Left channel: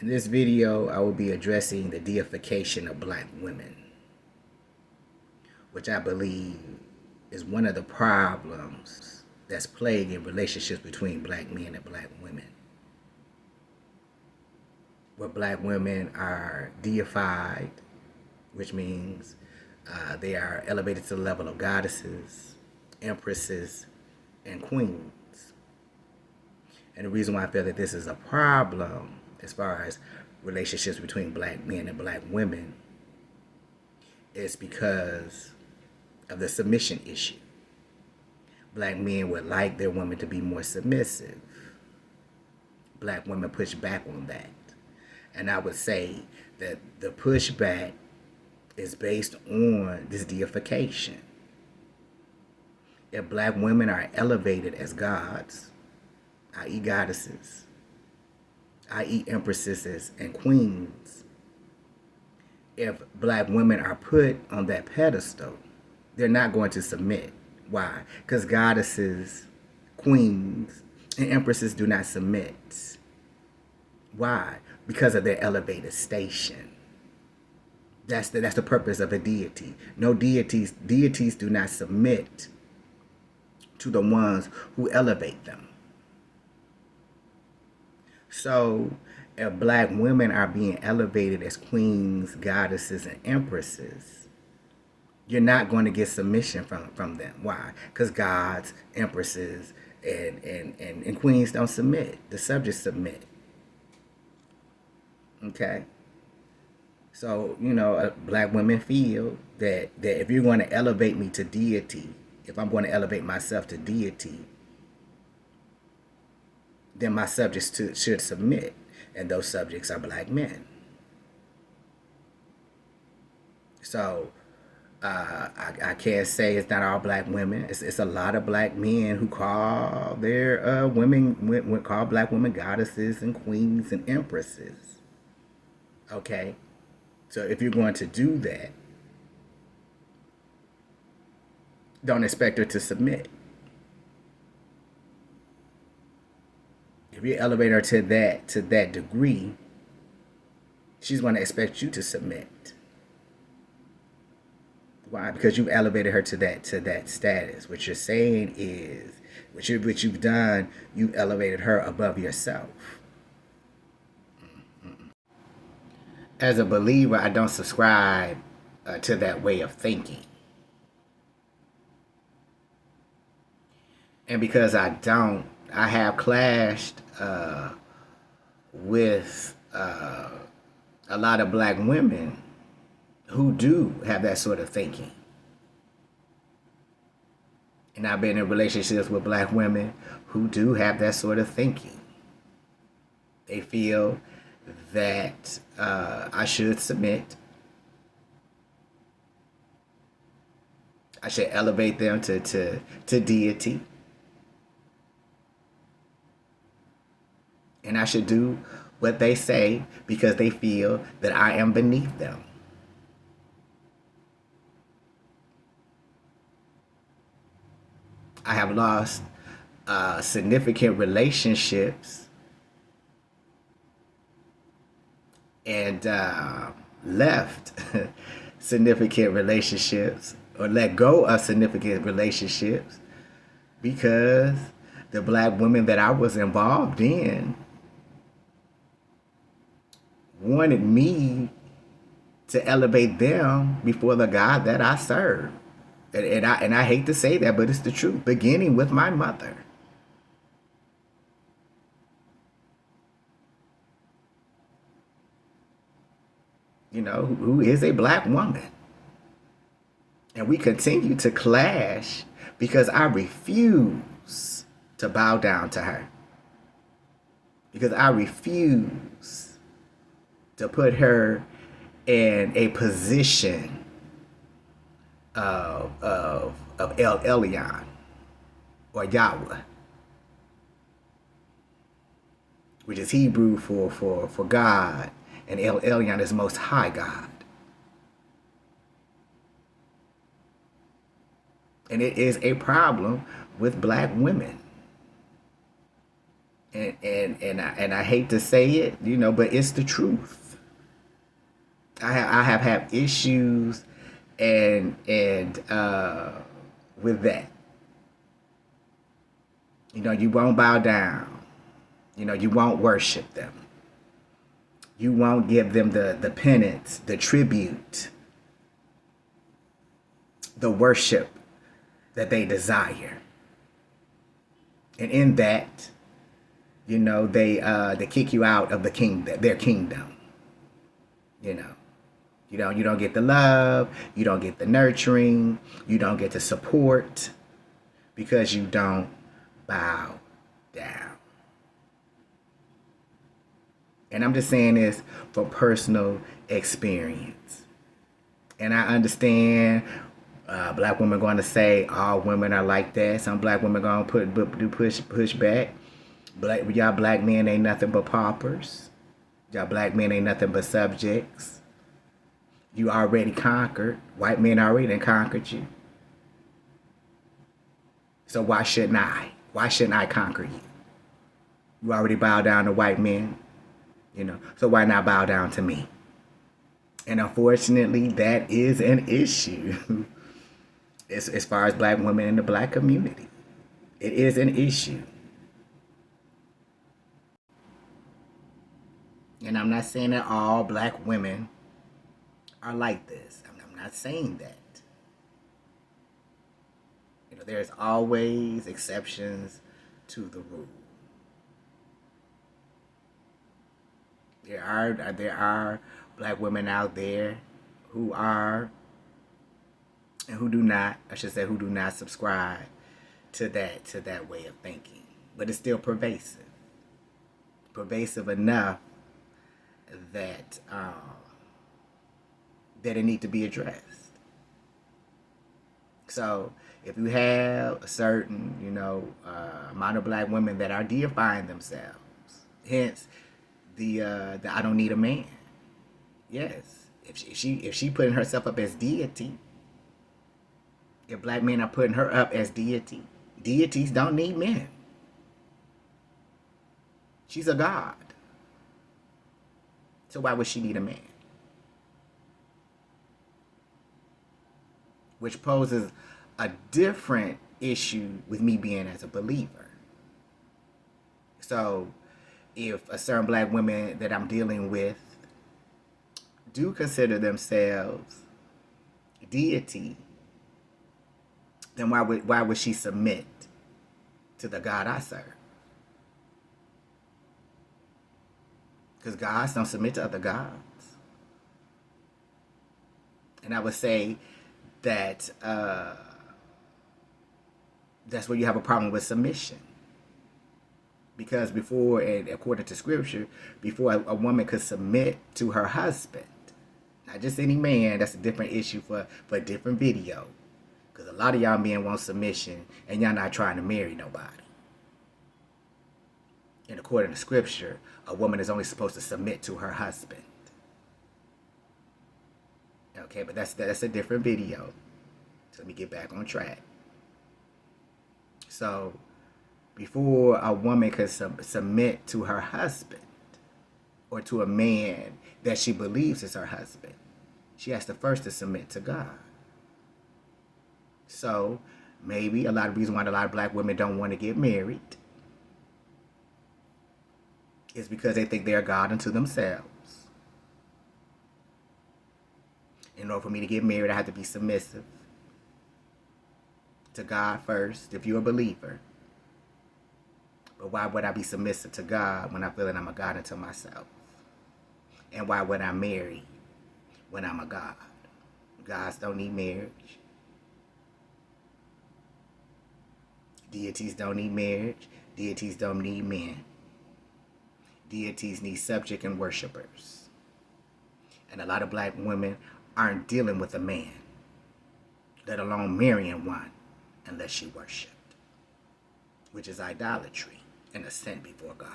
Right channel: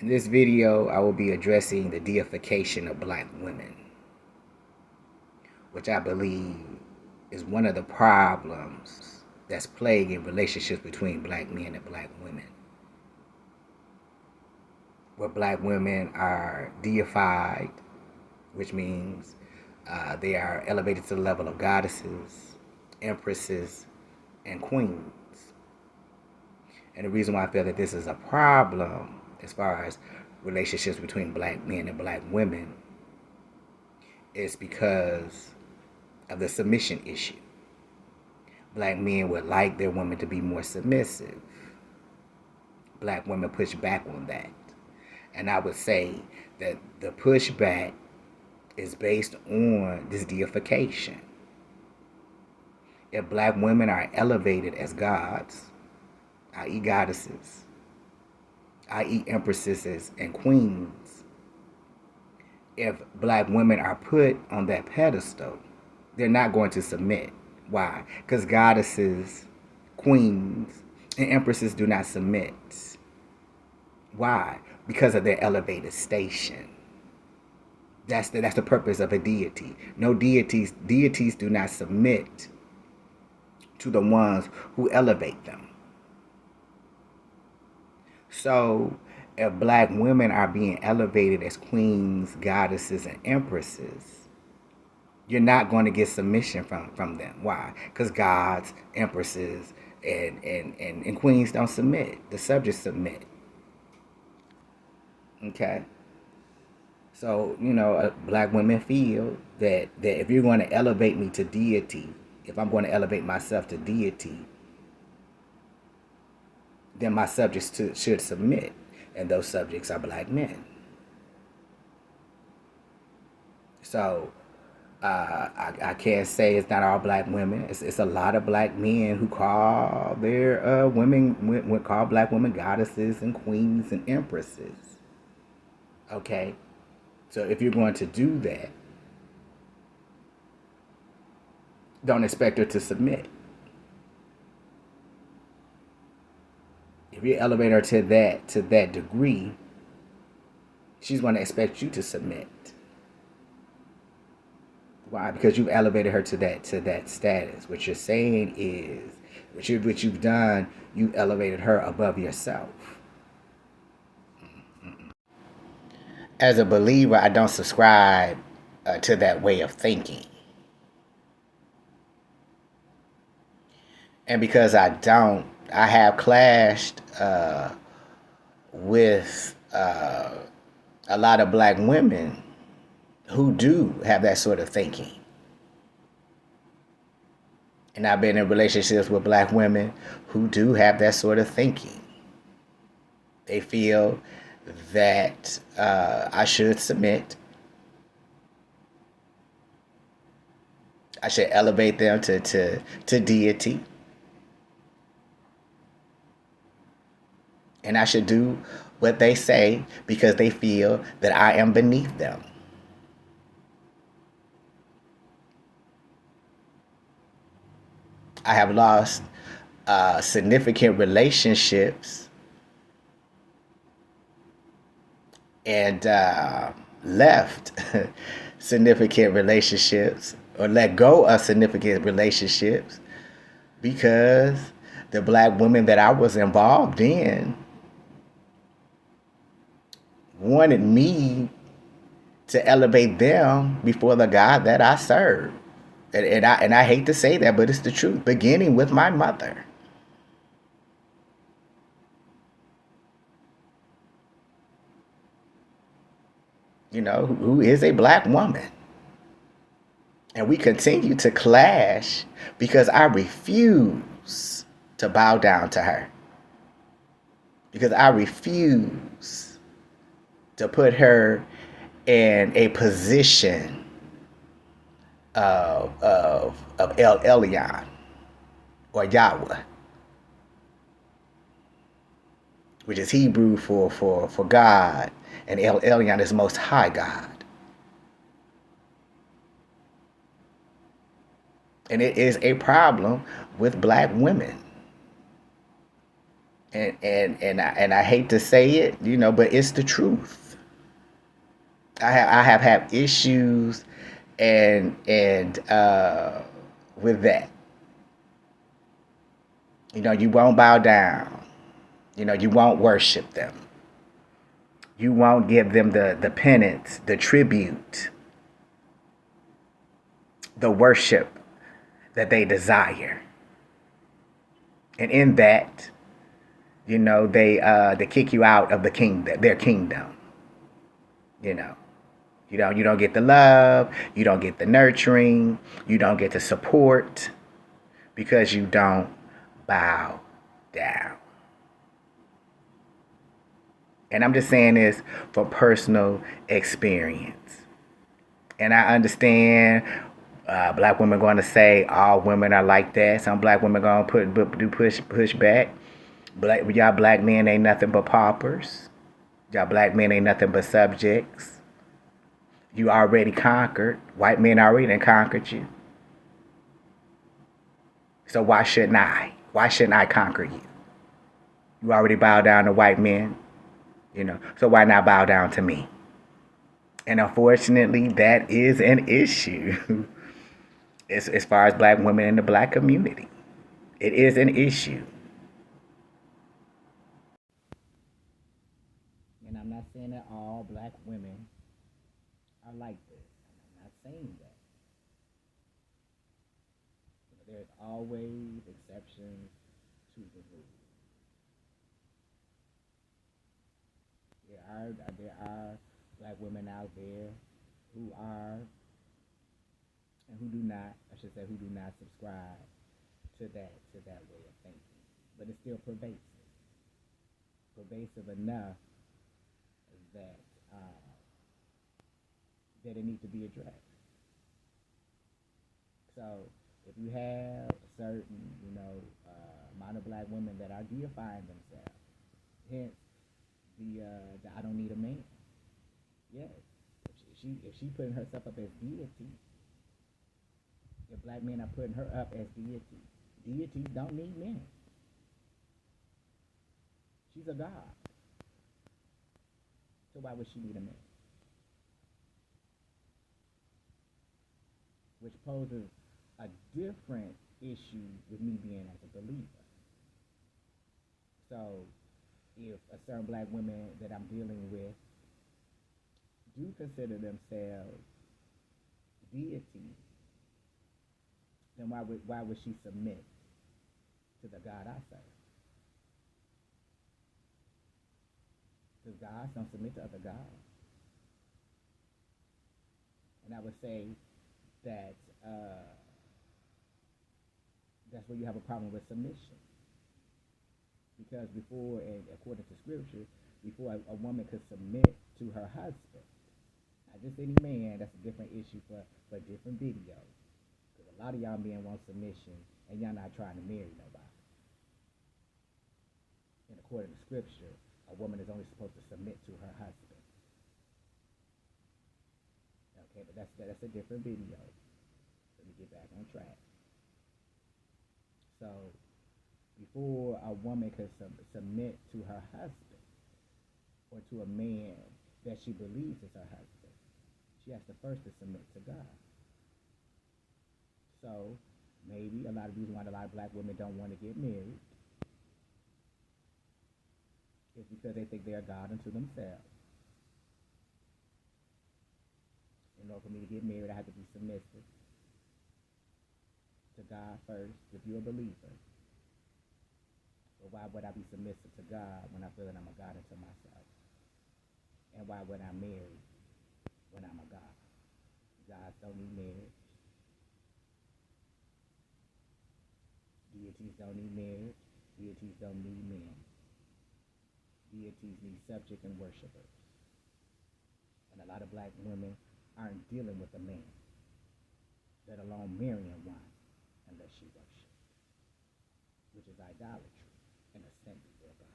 In this video, I will be addressing the deification of black women, which I believe is one of the problems that's plaguing relationships between black men and black women. Where black women are deified, which means they are elevated to the level of goddesses, empresses, and queens. And the reason why I feel that this is a problem as far as relationships between black men and black women is because of the submission issue. Black men would like their women to be more submissive. Black women push back on that. And I would say that the pushback is based on this deification. If black women are elevated as gods, i.e. goddesses, i.e. empresses and queens, if black women are put on that pedestal, they're not going to submit. Why? Because goddesses, queens, and empresses do not submit. Why? Because of their elevated station. That's the purpose of a deity. No deities do not submit to the ones who elevate them. So if black women are being elevated as queens, goddesses, and empresses, you're not going to get submission from them. Why? Because gods, empresses, and queens don't submit. The subjects submit. Okay? So, black women feel that if you're going to elevate me to deity, if I'm going to elevate myself to deity, then my subjects should submit. And those subjects are black men. So, I can't say it's not all black women. It's a lot of black men who call their call black women goddesses and queens and empresses. Okay? So if you're going to do that, don't expect her to submit. If you elevate her to that degree, she's going to expect you to submit. Why? Because you've elevated her to that status. What you're saying is, what you've done, you've elevated her above yourself. As a believer, I don't subscribe to that way of thinking. And because I don't, I have clashed with a lot of black women who do have that sort of thinking. And I've been in relationships with black women who do have that sort of thinking. They feel that I should submit. I should elevate them to deity. And I should do what they say because they feel that I am beneath them. I have lost significant relationships and left significant relationships or let go of significant relationships because the black women that I was involved in wanted me to elevate them before the God that I serve. And I hate to say that, but it's the truth, beginning with my mother. Who is a black woman. And we continue to clash because I refuse to bow down to her. Because I refuse to put her in a position of El Elyon or Yahweh, which is Hebrew for God, and El Elyon is Most High God. And it is a problem with black women. And I hate to say it, but it's the truth. I have had issues and with that. You won't bow down. You won't worship them. You won't give them the penance, the tribute, the worship that they desire. And in that, they kick you out of their kingdom. You know. You don't get the love, you don't get the nurturing, you don't get the support because you don't bow down. And I'm just saying this for personal experience. And I understand black women going to say all women are like that. Some black women going to push back. Y'all black men ain't nothing but paupers. Y'all black men ain't nothing but subjects. You already conquered. White men already done conquered you. So why shouldn't I? Why shouldn't I conquer you? You already bow down to white men, So why not bow down to me? And unfortunately, that is an issue as far as black women in the black community. It is an issue. And I'm not saying that all black women are like this. I'm not saying that. There's always exceptions to the rule. There are black women out there who are and who do not, I should say, who do not subscribe to that way of thinking. But it's still pervasive. Pervasive enough that it need to be addressed. So if you have a certain, amount of black women that are deifying themselves, hence the I don't need a man. Yes, if she putting herself up as deity, if black men are putting her up as deity, deities don't need men. She's a god. So why would she need a man? Which poses a different issue with me being as a believer. So if a certain black women that I'm dealing with do consider themselves deity, then why would she submit to the God I serve? Because gods don't submit to other gods. And I would say that that's where you have a problem with submission. Because before, and according to scripture, before a woman could submit to her husband, not just any man, that's a different issue for a different video. Because a lot of y'all men want submission and y'all not trying to marry nobody. And according to scripture, a woman is only supposed to submit to her husband. Okay, but that's a different video. So let me get back on track. So before a woman could submit to her husband or to a man that she believes is her husband, she has to first submit to God. So maybe a lot of reasons why a lot of black women don't want to get married is because they think they're God unto themselves. In order for me to get married, I have to be submissive to God first, if you're a believer. But why would I be submissive to God when I feel that I'm a God unto myself? And why would I marry when I'm a God? Gods don't need marriage. Deities don't need marriage. Deities don't need men. Deities need subject and worshipers. And a lot of black women aren't dealing with a man, let alone marrying one, unless she worshipped, which is idolatry and a sin before God.